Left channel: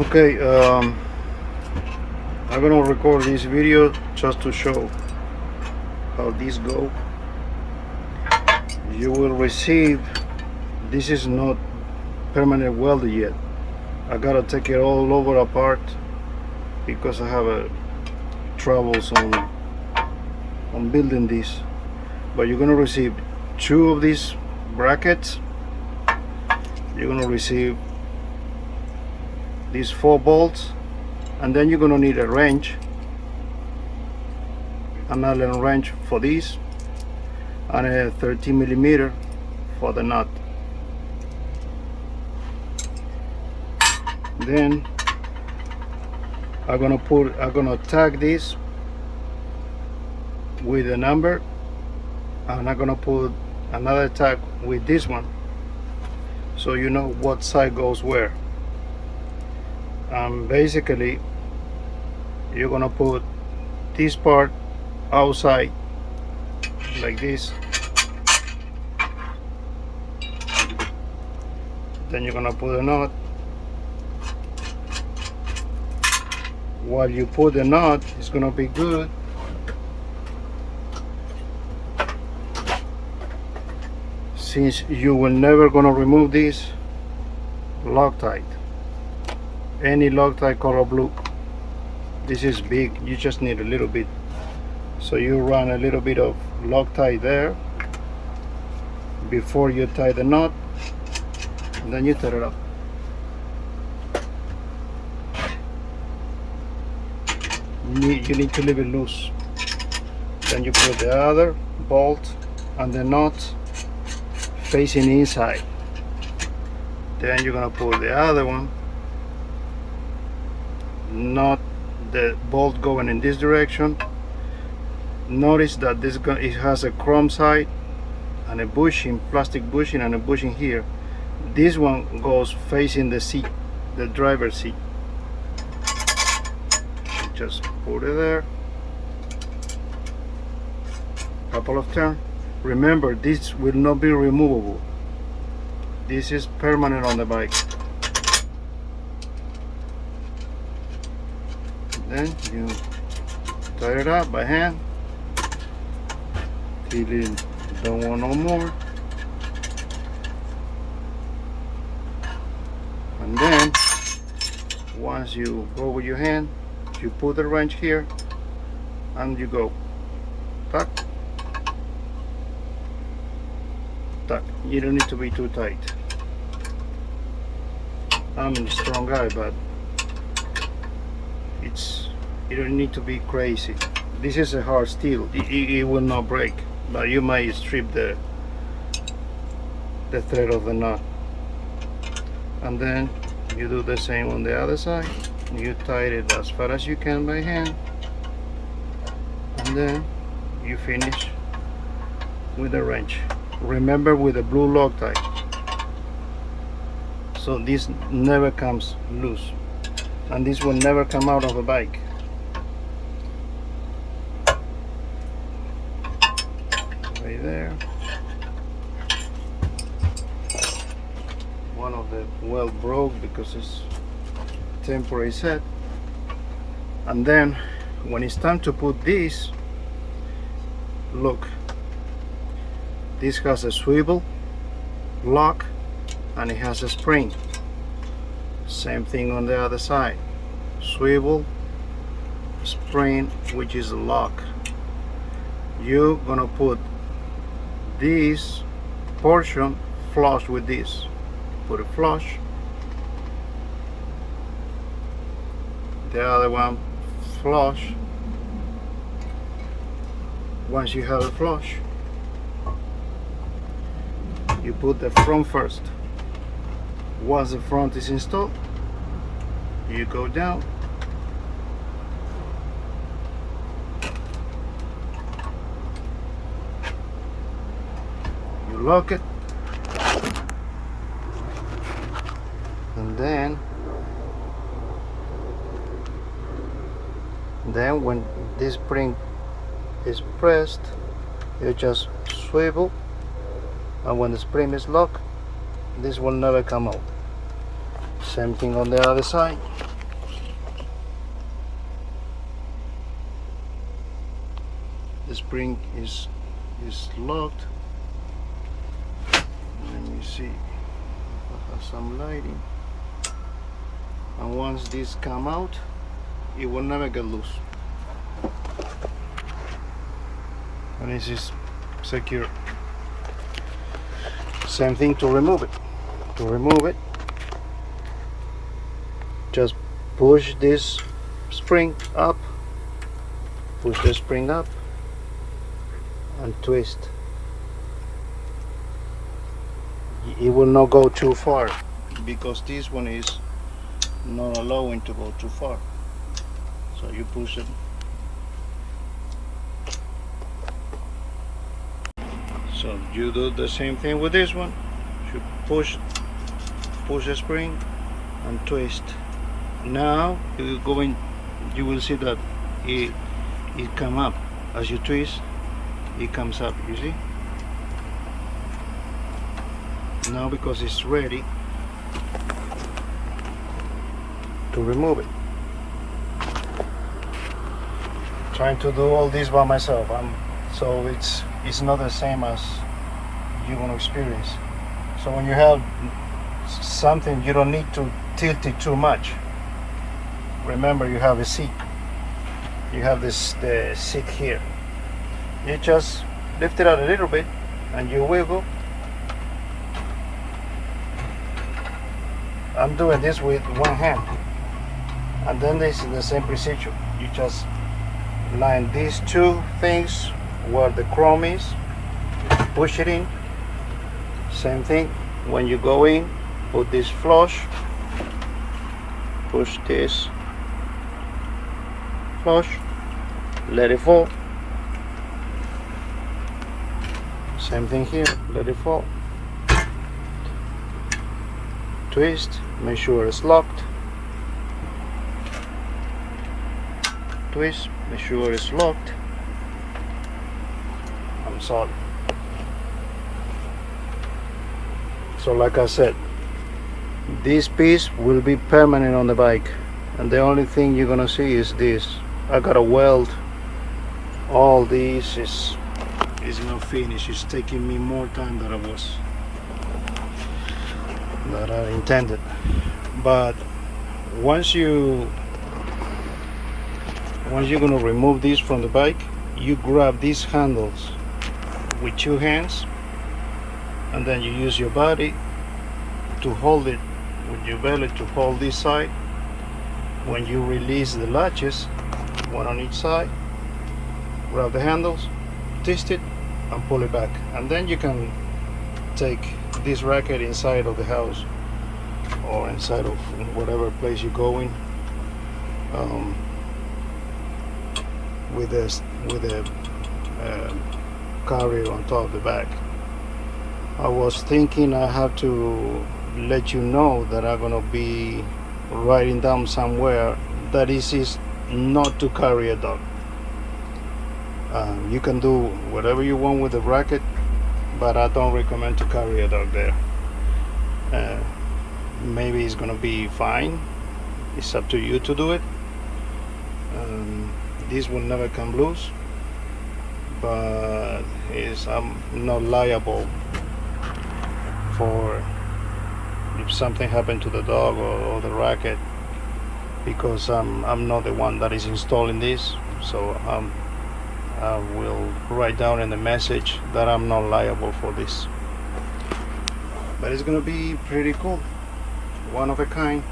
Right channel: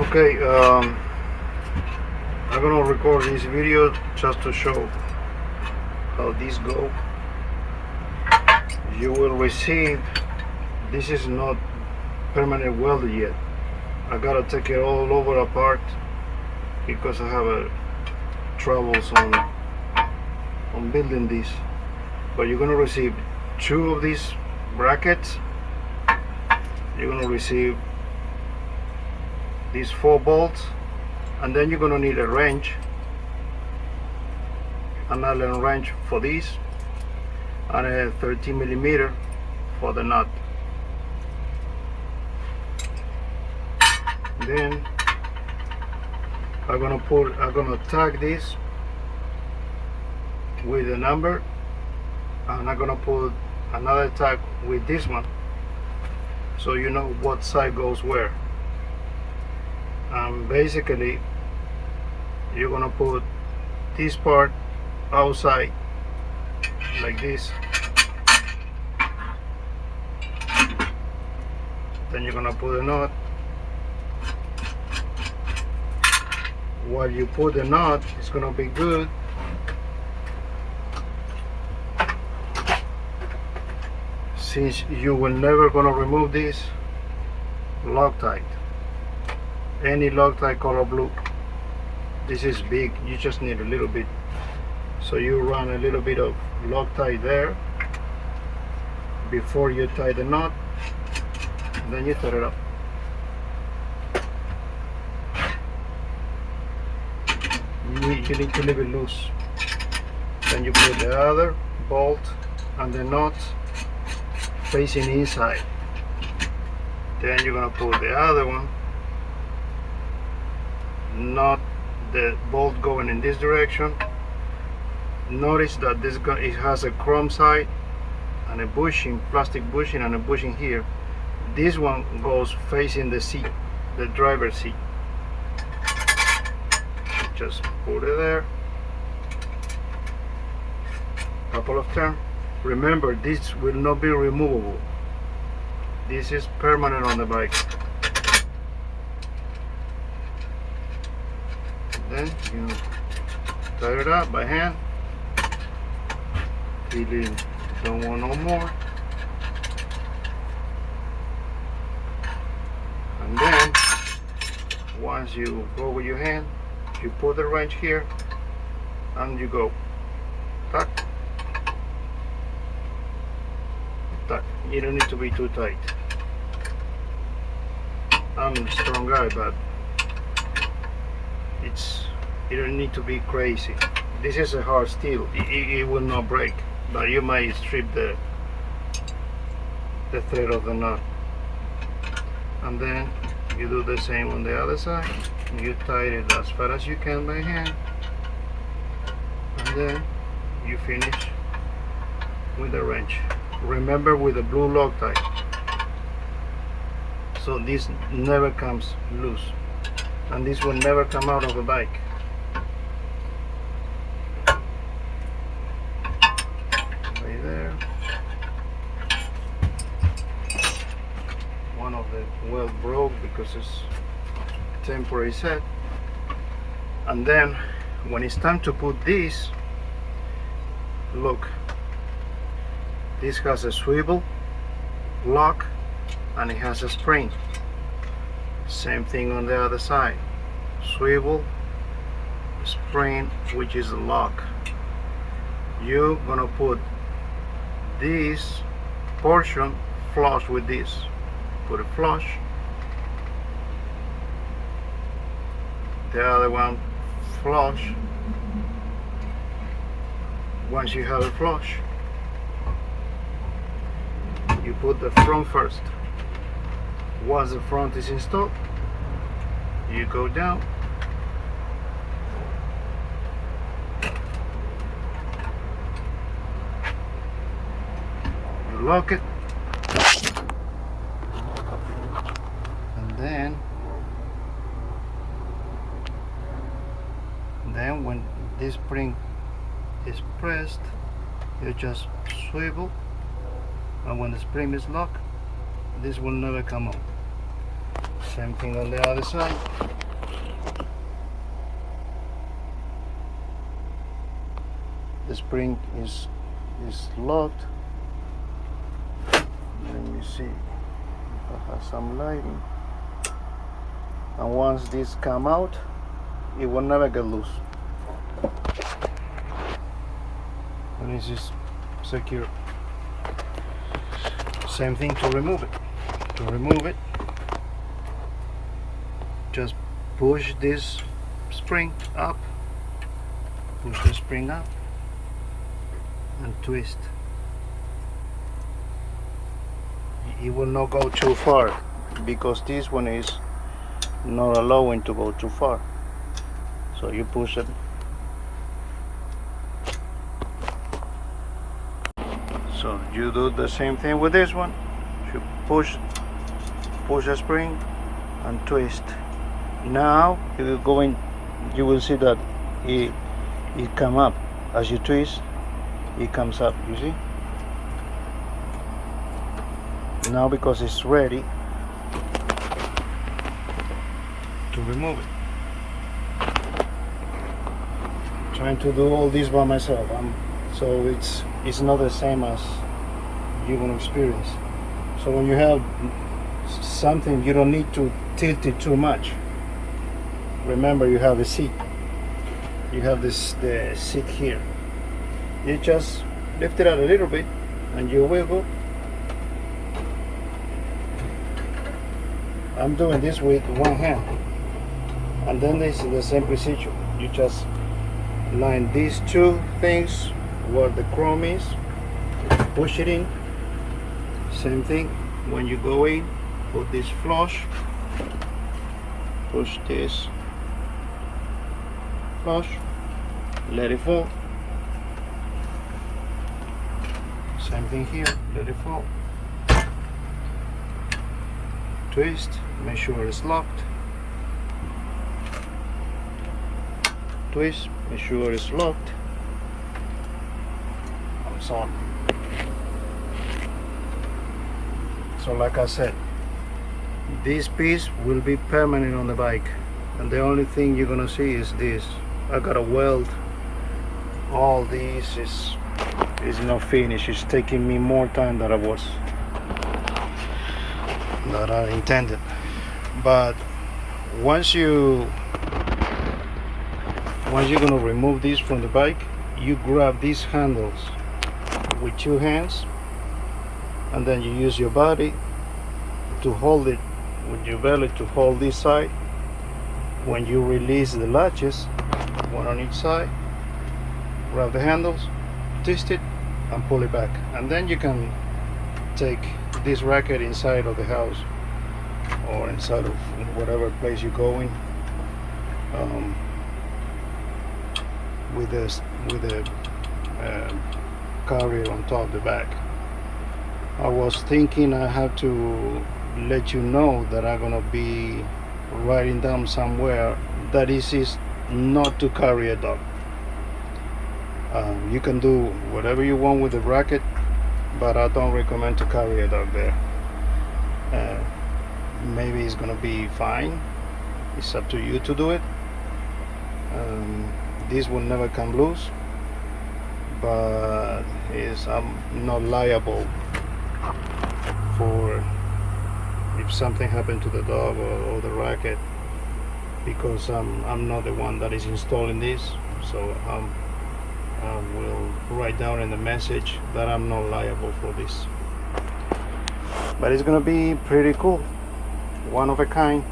Okay, I'm gonna record this video just to show how this go. You will receive, this is not permanent welded yet. I gotta take it all over apart because I have troubles on building this. But you're gonna receive 2 of these brackets. You're gonna receive these 4 bolts, and then you're gonna need a wrench, another wrench for this, and a 13mm for the nut. Then I'm gonna tag this with a number, and I'm gonna put another tag with this one, so you know what side goes where. Basically, you're gonna put this part outside like this. Then you're gonna put a knot. While you put the knot, it's gonna be good. Since you will never gonna remove this Loctite, any Loctite color blue. This is big, you just need a little bit. So you run a little bit of Loctite there before you tie the knot, and then you tie it up. You need to leave it loose. Then you put the other bolt and the knot facing inside. Then you're gonna put the other one, not the bolt going in this direction. Notice that it has a chrome side and a bushing, plastic bushing, and a bushing here. This one goes facing the seat, the driver's seat. Just put it there, couple of turns. Remember, this will not be removable. This is permanent on the bike. Then you tie it up by hand. If you don't want no more. And then once you go with your hand, you put the wrench here and you go tuck, tuck. You don't need to be too tight. I'm a strong guy, but you don't need to be crazy. This is a hard steel. It will not break, but you might strip the thread of the knot. And then you do the same on the other side. You tie it as far as you can by hand, and then you finish with a wrench. Remember, with a blue Loctite, so this never comes loose, and this will never come out of the bike. Right there. One of the well broke because it's temporary set. And then when it's time to put this, look, this has a swivel lock and it has a spring. Same thing on the other side, swivel, spring, which is a lock. You're gonna put this portion flush with this. Put it flush, the other one flush. Once you have a flush, you put the front first. Once the front is installed, you go down, you lock it, and then when this spring is pressed, you just swivel, and when the spring is locked, this will never come out. Same thing on the other side. The spring is locked. Let me see if I have some lighting. And once this come out, it will never get loose. And this is secure. Same thing to remove it. To remove it, just push this spring up, push the spring up and twist. It will not go too far because this one is not allowing to go too far. So you push it. So you do the same thing with this one. You push the spring and twist. Now you will see that it come up. As you twist, it comes up, you see? Now because it's ready to remove it. Trying to do all this by myself, so it's not the same as you're gonna experience. So when you have something, you don't need to tilt it too much. Remember, you have a seat. You have the seat here. You just lift it out a little bit and you wiggle. I'm doing this with one hand. And then this is the same procedure. You just line these two things where the chrome is, push it in. Same thing. When you go in, put this flush, push this flush, let it fall. Same thing here, let it fall. Twist, make sure it's locked. Twist, make sure it's locked. And so like I said, this piece will be permanent on the bike, and the only thing you're gonna see is this. I gotta weld all this. Is not finished. It's taking me more time than I intended. But once you're gonna remove this from the bike, you grab these handles with two hands, and then you use your body to hold it with your belly to hold this side. When you release the latches, one on each side, grab the handles, twist it and pull it back, and then you can take this racket inside of the house or inside of whatever place you're going, with a carrier on top of the back. I was thinking I have to let you know that I'm gonna be writing down somewhere that this is not to carry a dog. You can do whatever you want with the racket, but I don't recommend to carry a dog there. Maybe it's gonna be fine. It's up to you to do it. This will never come loose, but I'm not liable for if something happened to the dog or the racket, because I'm not the one that is installing this. So I will write down in the message that I'm not liable for this. But it's gonna be pretty cool, one of a kind,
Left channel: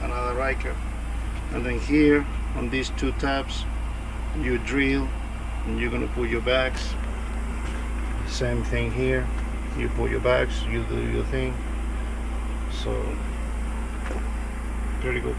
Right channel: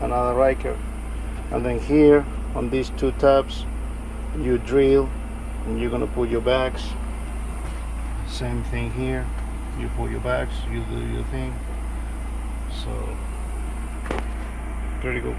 another Ryker. And then here on these two tabs you drill and you're gonna put your bags. Same thing here, you put your bags, you do your thing. So pretty good.